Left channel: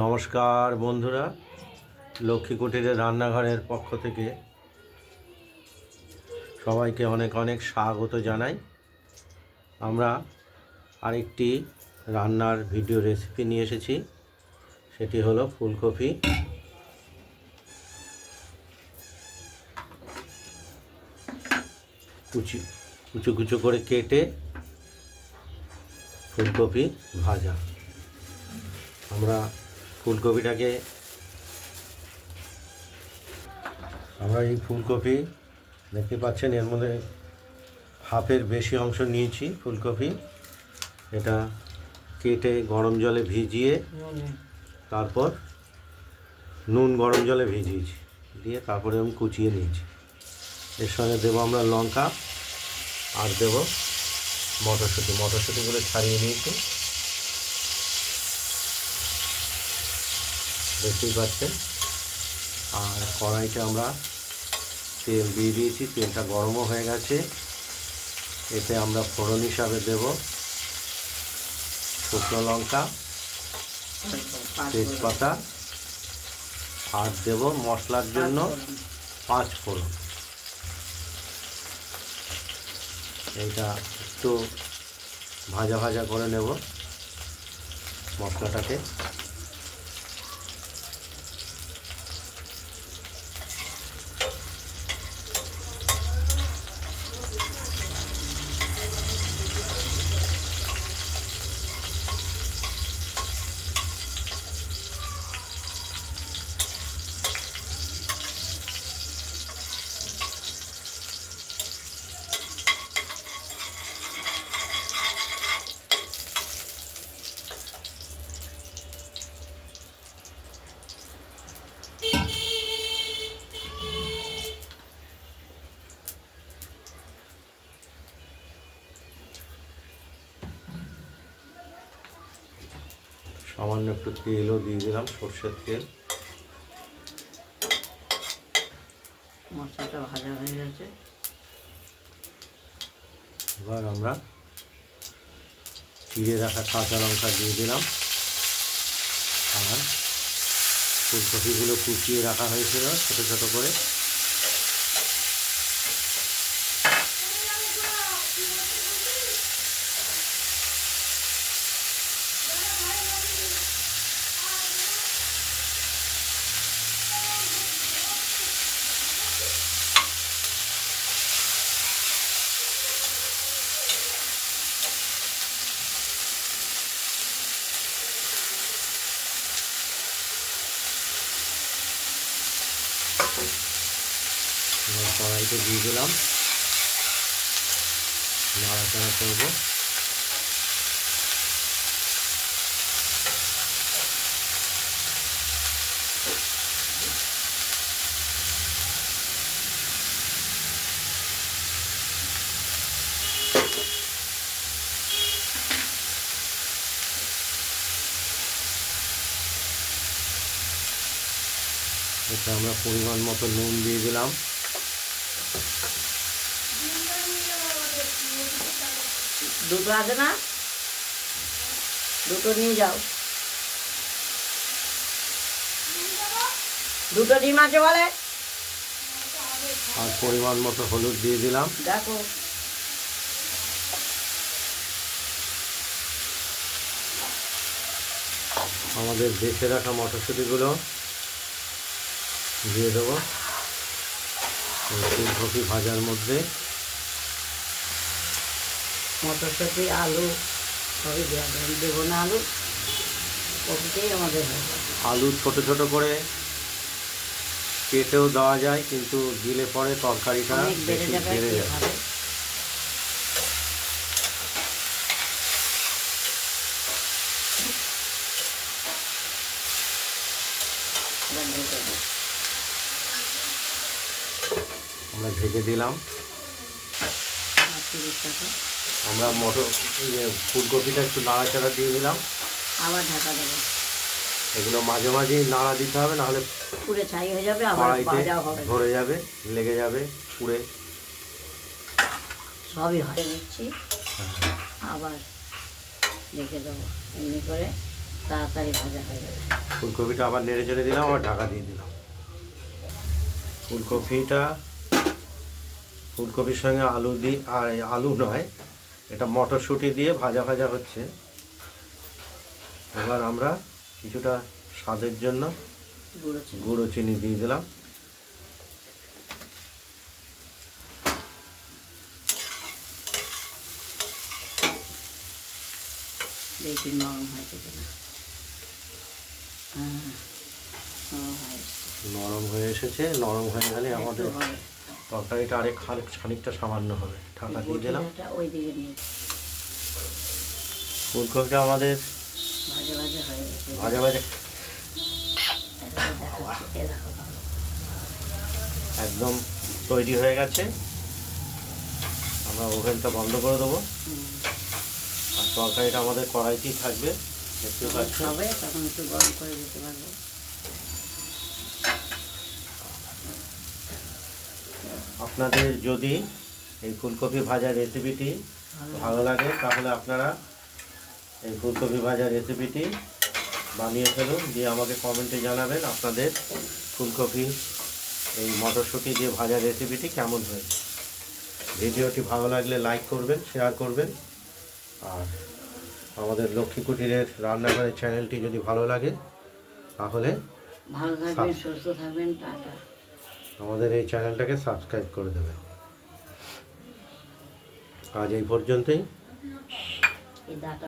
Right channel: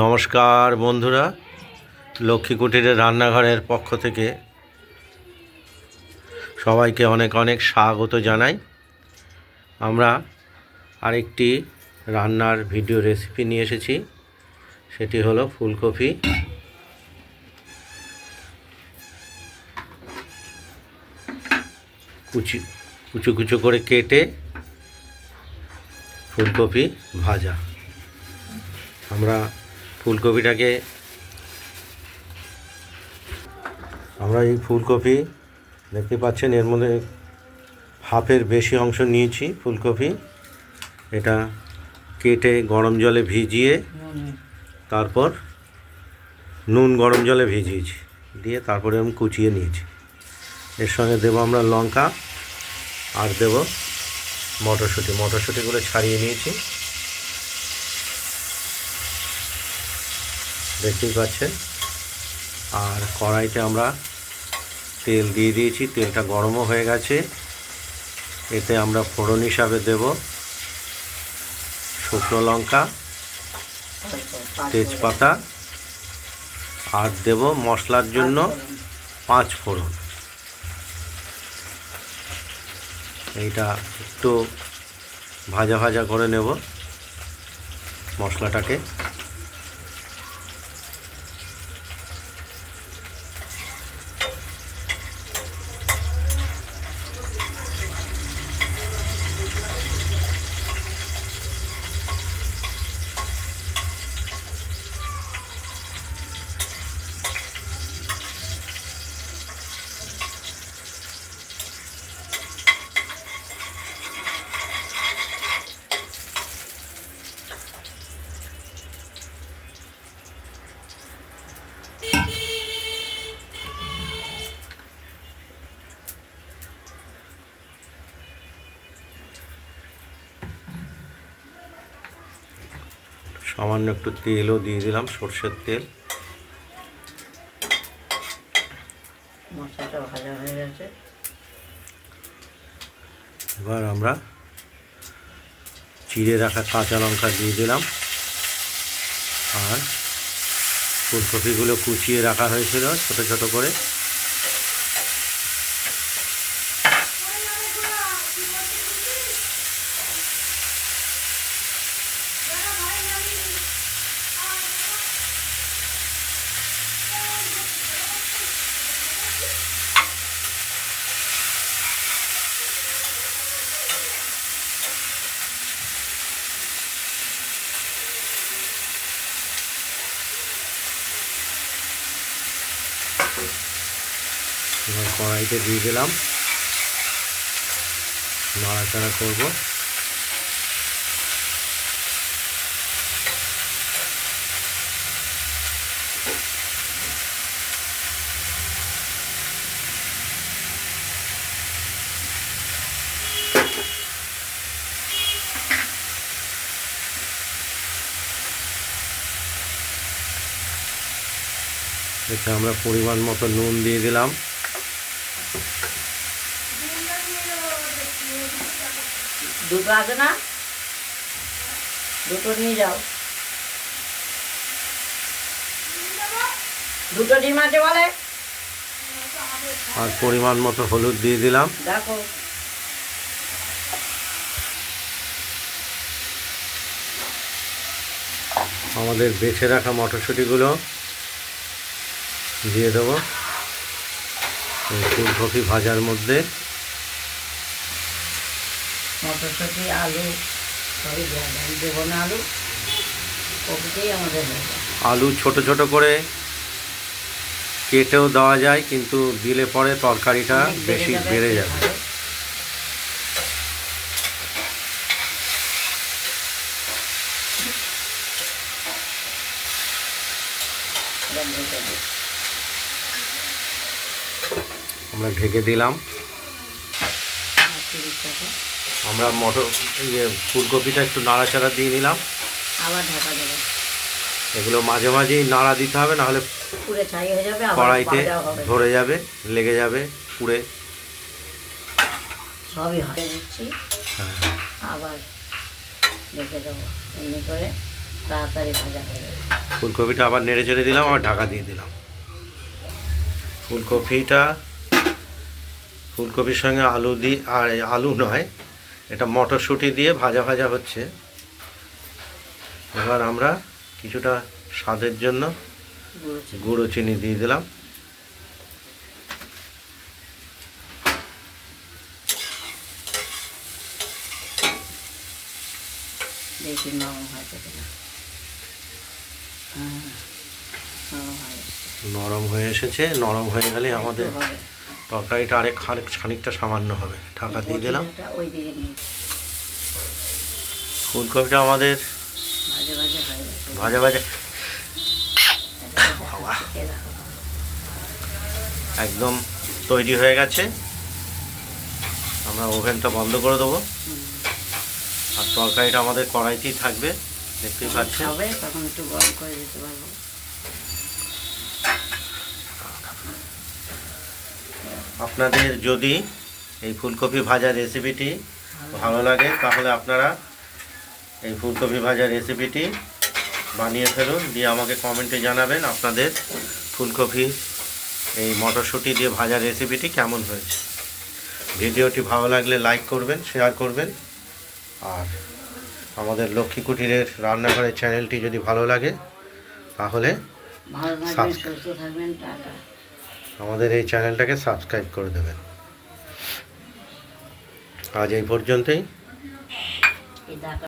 নমস্কার বন্ধুরা, লক্ষ্মী কুটিরের রান্নাঘরের পক্ষ থেকে সবাইকে অনেক অনেক স্বাগত জানাই। আমরা আরেকটি রান্নার ভিডিও রেসিপি নিয়ে এসেছি, সেটি হলো ফুলকপি। কুচি, কুচু কুচু করে কেটে ফুলকপি ভাজা। আমরা ফুলকপিটাকে আমরা এই ফুলকপি দেখতে পাচ্ছেন, এর মধ্যে হাফের বেশি অংশ নিয়েছি ফুলকপি। এটা কেটে গরম জলে ভিজিয়ে তারপর নুন গরম জলে ভিজিয়েছি, দিয়ে তারপরে আমি কুচিয়ে নিয়েছি। এর সঙ্গে দেবো আমরা লঙ্কা, আর দেবো মটরশুঁটি। মটরশুঁটিগুলো ছাড়িয়ে নিয়েছি। দেখতেই পাচ্ছেন। আর কড়াইতে আমরা তেল দিয়ে দিয়েছি, তেলটা গরমও হয়ে গেছে। এতে আমরা ফোড়ন হিসাবে দেব, শুকনো লঙ্কা, তেজপাতা, আর দেব মশলার জন্য পাঁচ ফোড়ন। এইটা একটু ভাজা ভাজা করে নেব মশলাটাকে। সামান্য একটু তেলও দিয়ে দিলাম সর্ষের তেল। মশলাটা ভাজা হয়ে গেছে। এবার আমরা চিড়ে রাখা কাঁচা লঙ্কা দিয়ে দিলাম। আর ফুলকপিগুলো কুচিয়ে রাখা হয়েছিল ছোট ছোট করে। এবার কড়াইতে দিয়ে দিলাম। নাড়াচাড়া করব। এতে আমরা পরিমাণ মতো নুন দিয়ে দিলাম। দুটো আছে না? দুটো নিয়ে যাও। দুটো ডিম আছে বলে? আর পরিমাণ মতো হলুদ দিয়ে দিলাম। দেখো। আমাদের বেছে রাখা মটরশুঁটিগুলো দিয়ে দেবো। ফুলকপি ভাজার মধ্যে। মটরশুঁটি আলু সবই দেবো না আলু। কপিটাই আমাদের আলু ছোট ছোট করে কেটেও দেওয়া যায় কিন্তু দিলে পরে তরকারিটা বেশি বেড়ে যাবে। ভালো। এবার ঢেকে দিই। আমরা ঢেকে দিলাম। আমরা মটর ইয়ে ফুলকপিটা একটু নাড়াচাড়া দিয়ে নিলাম। আবার ঢাকা দেবো। এগুলো মাঝে মাঝেই নাড়া দিতে হবে নাহলে পুরে ছাই হয়ে যাবে কড়াইতে ধরে যাবে লেগে যাবে পুড়ে। সবই হয় দিচ্ছি আবার রেখে দেবো এমনি করে তাড়াতাড়ি ভাজা হয়ে যাবে ফুলকপিটা আবার নেড়ে চেড়ে দিলাম আবার ঢাকা দিয়ে দিলাম। ফুলকপিটা ফুলকপির সঙ্গে আলু দিয়ে আর আলু নয় এটা মটরশুঁটি দিয়ে ভাজা ভাজা হচ্ছে। এবার আমরা কিছুটা স্বাদের জন্য গুঁড়ো চিনি দিয়ে দিলাম। দেখি নরম হয়েছে কিনা নরম হয়ে এসেছে নরম হয়ে গেলে আমাদের। তরকারিটা আরেক খানিক খানিকটা সামান্য হবে। ঢাকা দিয়ে দিলাম। ফুলকপিটা আমাদের ভাজা ভাজা একদম তৈরি হয়ে গেছে। আমরা ওভেনটা বন্ধ করে দেবো। আর তরকারিটা আমাদের কড়াইতেই থাকবে। দেখতেই পাচ্ছেন। হবে তখন একটু গরম করে দিতে পারব। আপনাদের যদি এই ফুলকপি ভাজার রেসিপিটি ভালো লাগে তাহলে আপনারা এই ফুলকপি ভাজার রেসিপিটি বানিয়ে ফেলুন দিয়ে আমাকে কমেন্টে জানাবেন আপনাদের ফুলকপি এই মটরশুঁটি দিয়ে ভাজার রেসিপিটি কেমন হয়েছে। ভিডিওটি ভালো লাগলে লাইক করবেন শেয়ার করবেন আর আমাদের লক্ষ্মী কুটিরের রান্নাঘরের চ্যানেলটি যদি ভালো লাগে তাহলে ভালো আমাদের এই চ্যানেলটাকে সাবস্ক্রাইব করে দেবেন। আজ এই পর্যন্তই।